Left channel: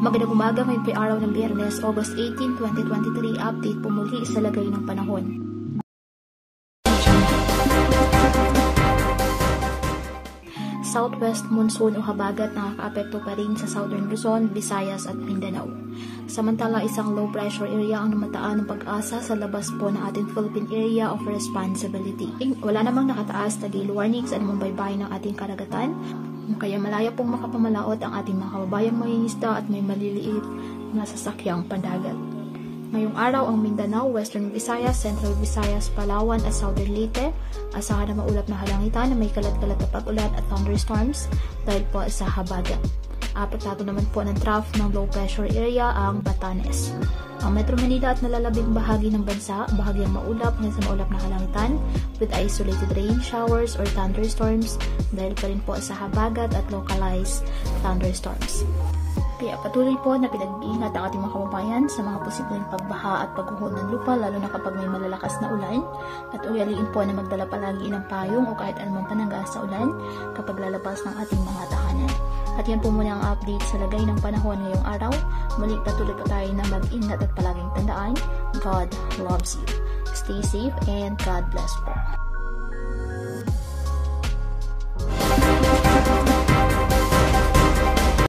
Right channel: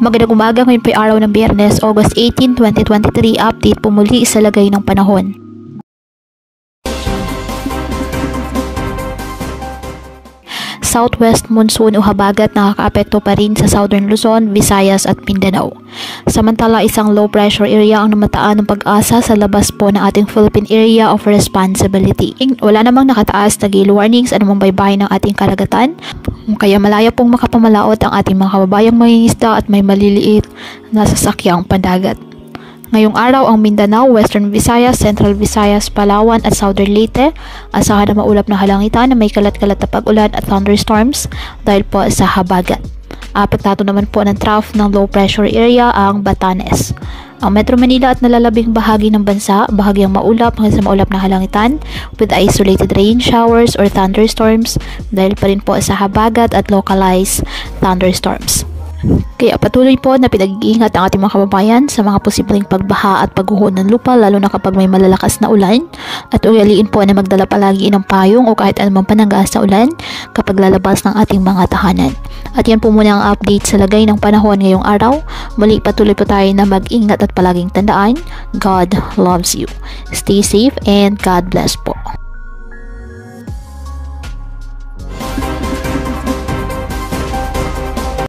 Magandang umaga, ngayon po ay araw ng Biyernes, August 18, 2023. Update po muli sa lagay ng panahon. Southwest monsoon o habagat nakakaapekto pa rin sa Southern Luzon, Visayas at Mindanao. Samantala, isang low pressure area ang namataan ng pag-asa sa labas po ng ating Philippine Area of Responsibility. Wala namang nakataas na gale warnings anumang baybayin ng ating karagatan, kaya malaya pong makapamalaot ang ating mga kababayang mangingisda at may maliliit na sasakyang pandagat. Ngayong araw ang Mindanao, Western Visayas, Central Visayas, Palawan at Southern Leyte asahan na maulap na halangitan na may kalat-kalat na pag-ulan at thunderstorms dahil po sa habagat. Apektado naman po ng trough ng low pressure area ang Batanes. Ang Metro Manila at nalalabing bahagi ng bansa, bahagyang maulap hanggang sa maulap na halangitan with isolated rain showers or thunderstorms dahil pa rin po sa habagat at localized thunderstorms. Kaya patuloy po na pinag-iingat ang ating mga kababayan sa mga posibleng pagbaha at pagguho ng lupa lalo na kapag may malalakas na ulan, at ugaliin po na magdala palagi ng payong o kahit anumang panangga sa ulan kapag lalabas ng ating mga tahanan. At yan po muna ang update sa lagay ng panahon ngayong araw. Muli patuloy po tayo na mag-ingat at palaging tandaan, God loves you. Stay safe and God bless po.